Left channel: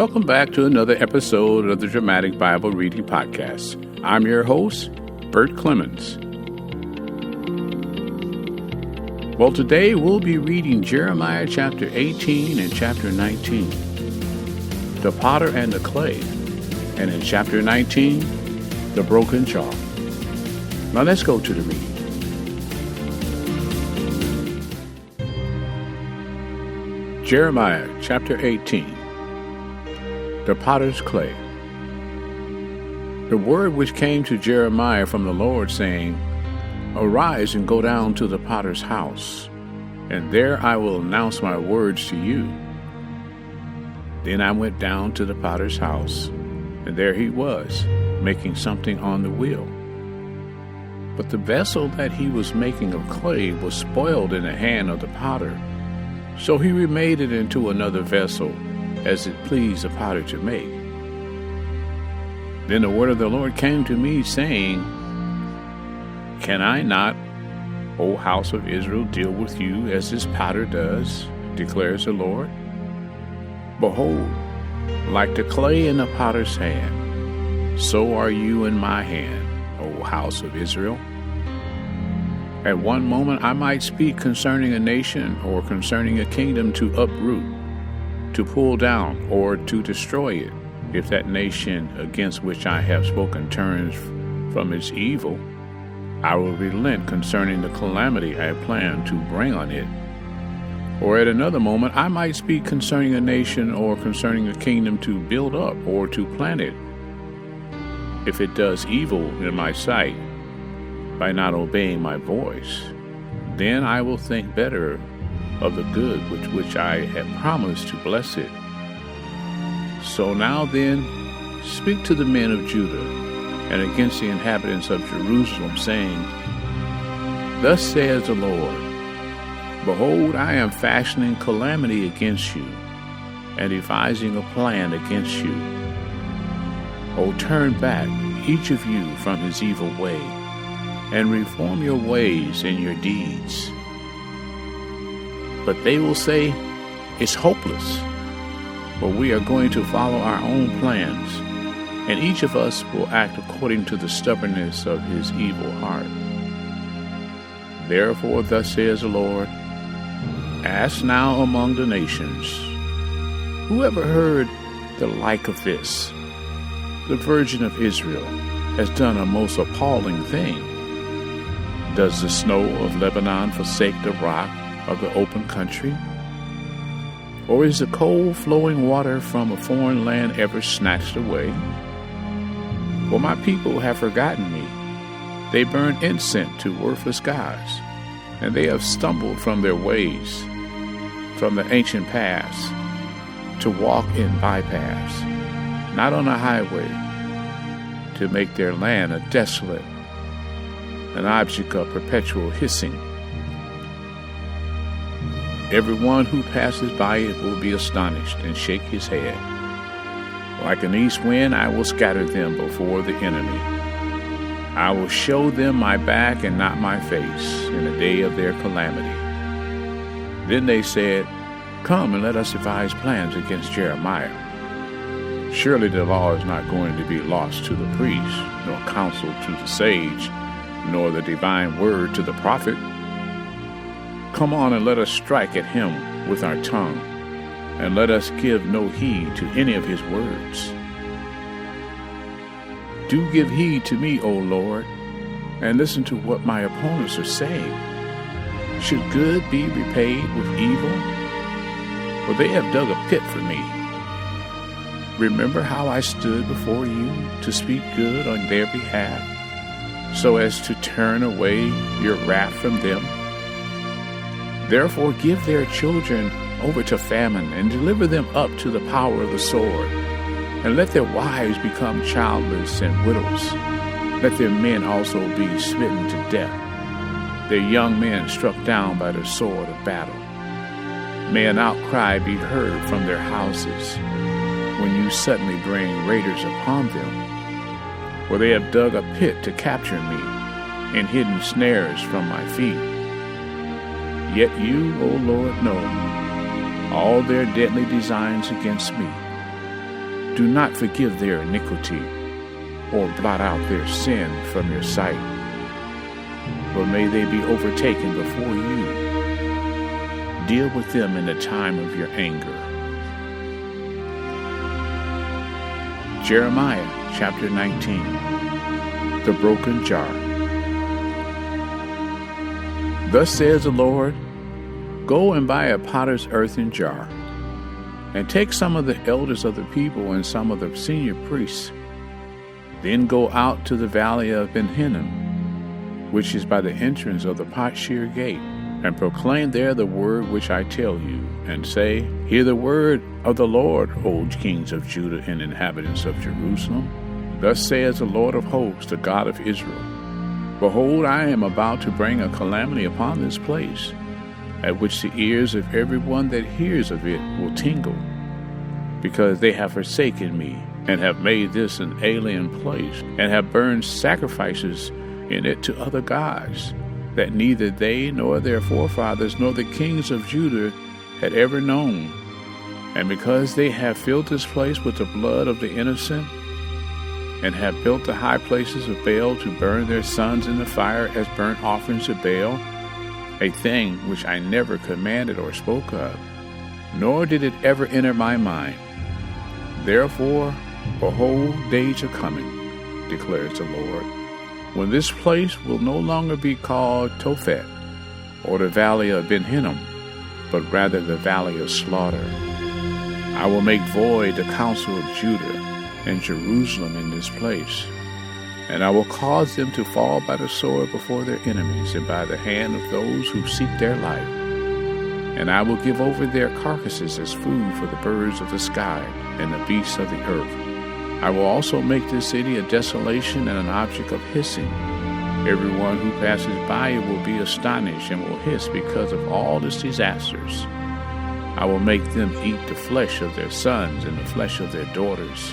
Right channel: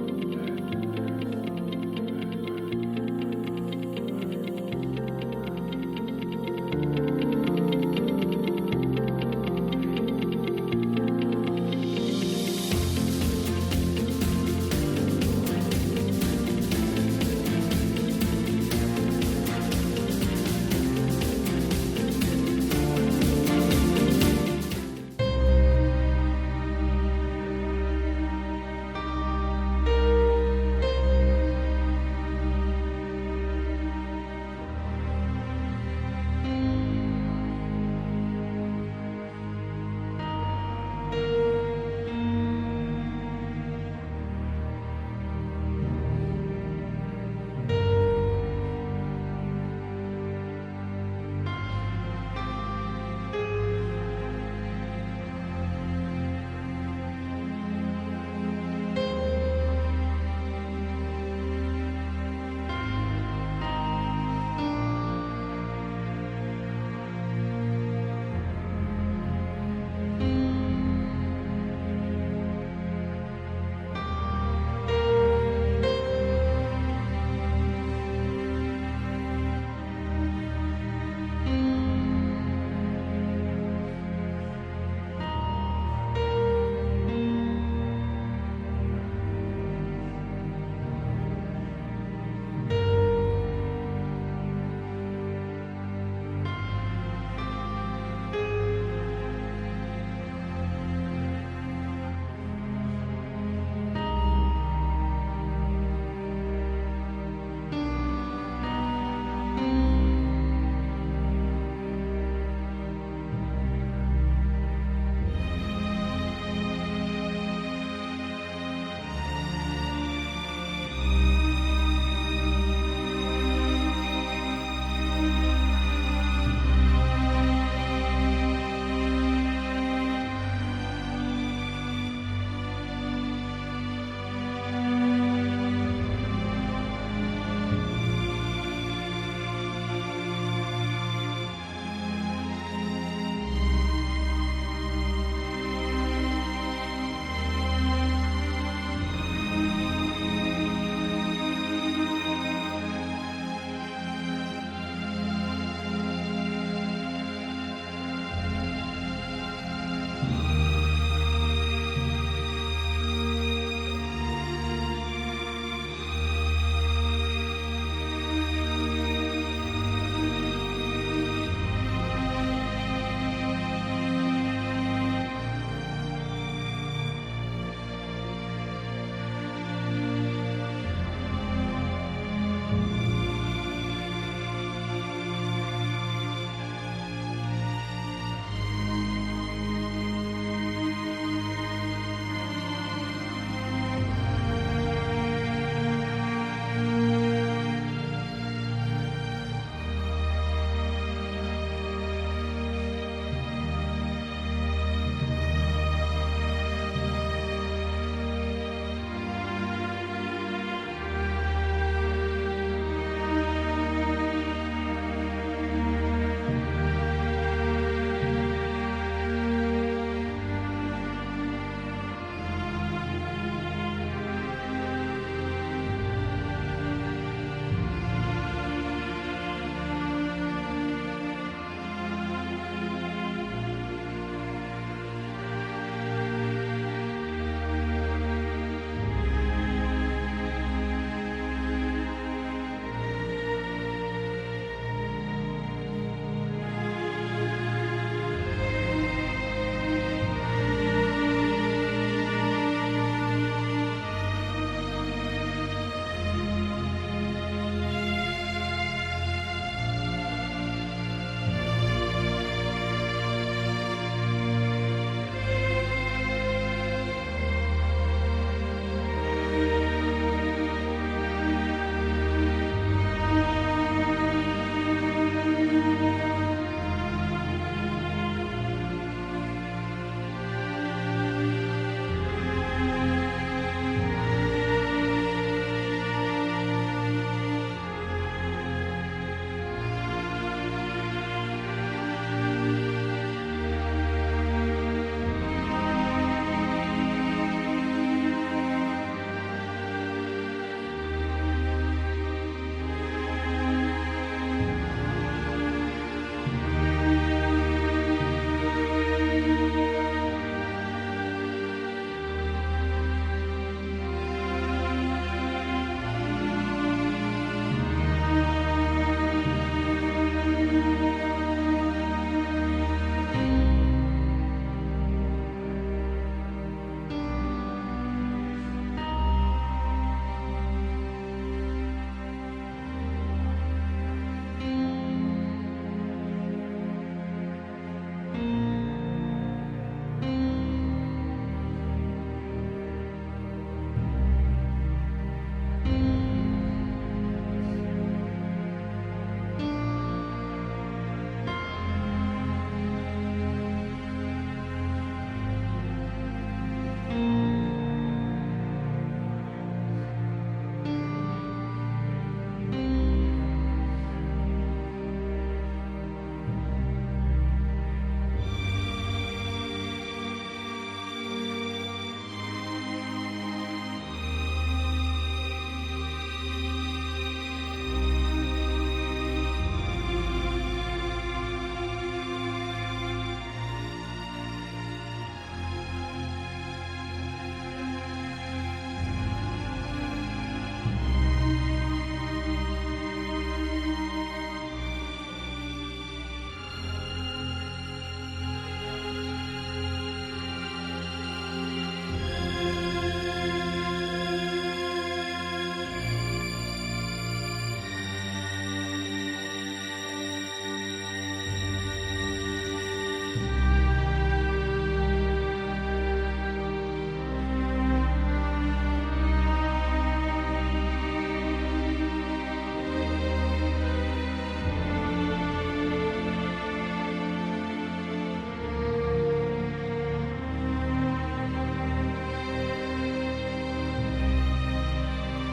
Welcome back to another episode of the Dramatic Bible Reading Podcast. I'm your host, Bert Clemens. Well, today we'll be reading Jeremiah chapter 18 and chapter 19, the potter and the clay, and in chapter 19, the broken jar. Now let's go to the reading. Jeremiah chapter 18. The potter's clay. The word which came to Jeremiah from the Lord, saying, Arise and go down to the potter's house, and there I will announce my words to you. Then I went down to the potter's house, and there he was, making something on the wheel. But the vessel that he was making of clay was spoiled in the hand of the potter. So he remade it into another vessel, as it pleased the potter to make. Then the word of the Lord came to me, saying, Can I not, O house of Israel, deal with you as this potter does, declares the Lord? Behold, like the clay in the potter's hand, so are you in my hand, O house of Israel. At one moment I might speak concerning a nation or concerning a kingdom to uproot, to pull down, or to destroy it. If that nation against which I have spoken turns from its evil, I will relent concerning the calamity I plan to bring on it. Or at another moment I might speak concerning a nation or concerning a kingdom to build up or to plant it. If it does evil in my sight by not obeying my voice, then I will think better of the good with which I had promised to bless it. So now then, speak to the men of Judah and against the inhabitants of Jerusalem, saying, Thus says the Lord, Behold, I am fashioning calamity against you, and devising a plan against you. O turn back, each of you, from his evil way, and reform your ways and your deeds. But they will say, It's hopeless, but we are going to follow our own plans, and each of us will act according to the stubbornness of his evil heart. Therefore, thus says the Lord, Ask now among the nations, who ever heard the like of this? The Virgin of Israel has done a most appalling thing. Does the snow of Lebanon forsake the rock of the open country? Or is the cold flowing water from a foreign land ever snatched away? For my people have forgotten me. They burn incense to worthless gods, and they have stumbled from their ways, from the ancient paths, to walk in bypaths, not on a highway, to make their land a desolate, an object of perpetual hissing. Everyone who passes by it will be astonished and shake his head. Like an east wind, I will scatter them before the enemy. I will show them my back and not my face in the day of their calamity. Then they said, Come and let us devise plans against Jeremiah. Surely the law is not going to be lost to the priest, nor counsel to the sage, nor the divine word to the prophet. Come on and let us strike at him with our tongue, and let us give no heed to any of his words. Do give heed to me, O Lord, and listen to what my opponents are saying. Should good be repaid with evil? For they have dug a pit for me. Remember how I stood before you to speak good on their behalf, so as to turn away your wrath from them. Therefore give their children over to famine, and deliver them up to the power of the sword, and let their wives become childless and widows. Let their men also be smitten to death, their young men struck down by the sword of battle. May an outcry be heard from their houses, when you suddenly bring raiders upon them. For they have dug a pit to capture me, and hidden snares from my feet. Yet you, O Lord, know all their deadly designs against me. do not forgive their iniquity or blot out their sin from your sight, but may they be overtaken before you. Deal with them in the time of your anger. Jeremiah chapter 19, the broken jar. Thus says the Lord, go and buy a potter's earthen jar, and take some of the elders of the people and some of the senior priests. Then go out to the valley of Ben Hinnom, which is by the entrance of the Potshir gate, and proclaim there the word which I tell you, and say, hear the word of the Lord, O kings of Judah and inhabitants of Jerusalem. Thus says the Lord of hosts, the God of Israel, behold, I am about to bring a calamity upon this place, at which the ears of everyone that hears of it will tingle, because they have forsaken me, and have made this an alien place, and have burned sacrifices in it to other gods, that neither they nor their forefathers nor the kings of Judah had ever known. And because they have filled this place with the blood of the innocent, and have built the high places of Baal to burn their sons in the fire as burnt offerings to Baal, a thing which I never commanded or spoke of, nor did it ever enter my mind. Therefore, behold, days are coming, declares the Lord, when this place will no longer be called Tophet, or the valley of Ben Hinnom, but rather the valley of slaughter. I will make void the counsel of Judah and Jerusalem in this place, and I will cause them to fall by the sword before their enemies and by the hand of those who seek their life. And I will give over their carcasses as food for the birds of the sky and the beasts of the earth. I will also make this city a desolation and an object of hissing. Everyone who passes by it will be astonished and will hiss because of all its disasters. I will make them eat the flesh of their sons and the flesh of their daughters,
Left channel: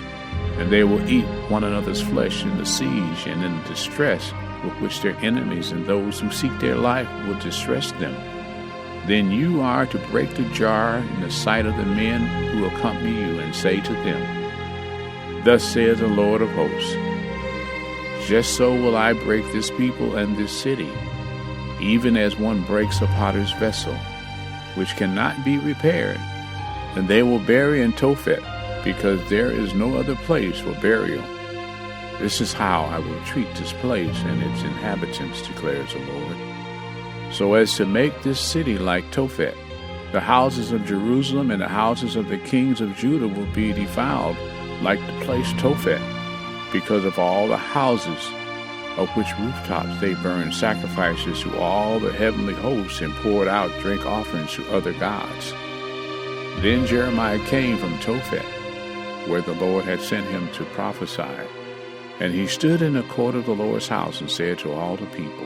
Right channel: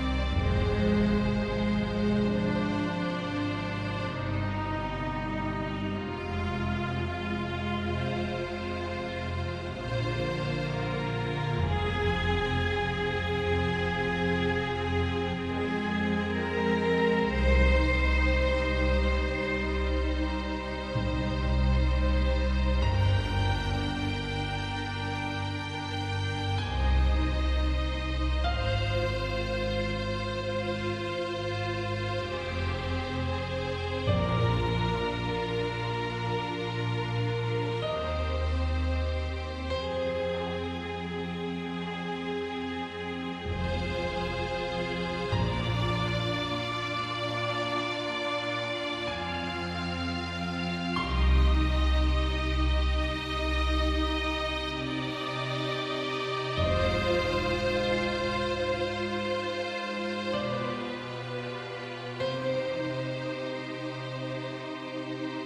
and they will eat one another's flesh in the siege and in the distress with which their enemies and those who seek their life will distress them. Then you are to break the jar in the sight of the men who accompany you, and say to them, thus says the Lord of hosts, just so will I break this people and this city, even as one breaks a potter's vessel, which cannot be repaired. And they will bury in Tophet, because there is no other place for burial. This is how I will treat this place and its inhabitants, declares the Lord, so as to make this city like Tophet. The houses of Jerusalem and the houses of the kings of Judah will be defiled like the place Tophet, because of all the houses of which rooftops they burned sacrifices to all the heavenly hosts and poured out drink offerings to other gods. Then Jeremiah came from Tophet, where the Lord had sent him to prophesy. And he stood in the court of the Lord's house and said to all the people,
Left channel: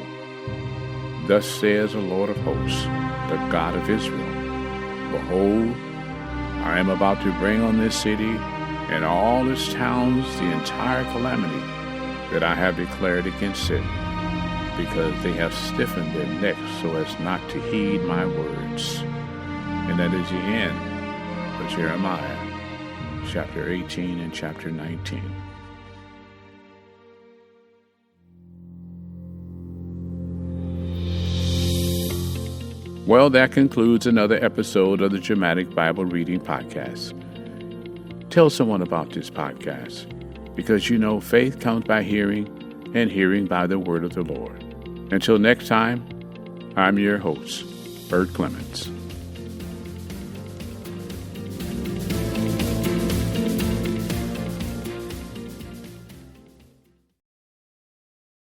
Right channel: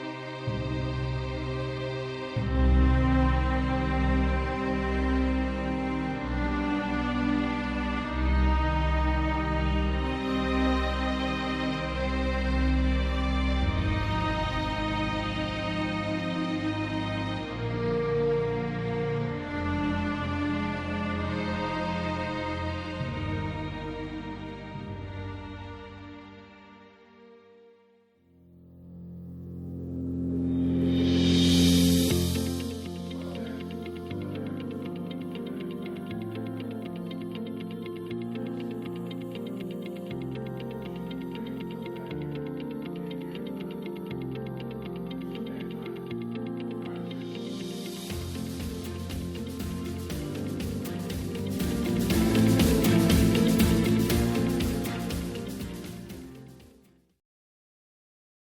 thus says the Lord of hosts, the God of Israel, behold, I am about to bring on this city and all its towns the entire calamity that I have declared against it, because they have stiffened their necks so as not to heed my words. And that is the end of Jeremiah, chapter 18 and chapter 19. Well, that concludes another episode of the Dramatic Bible Reading Podcast. Tell someone about this podcast, because you know faith comes by hearing, and hearing by the word of the Lord. Until next time, I'm your host, Bert Clements.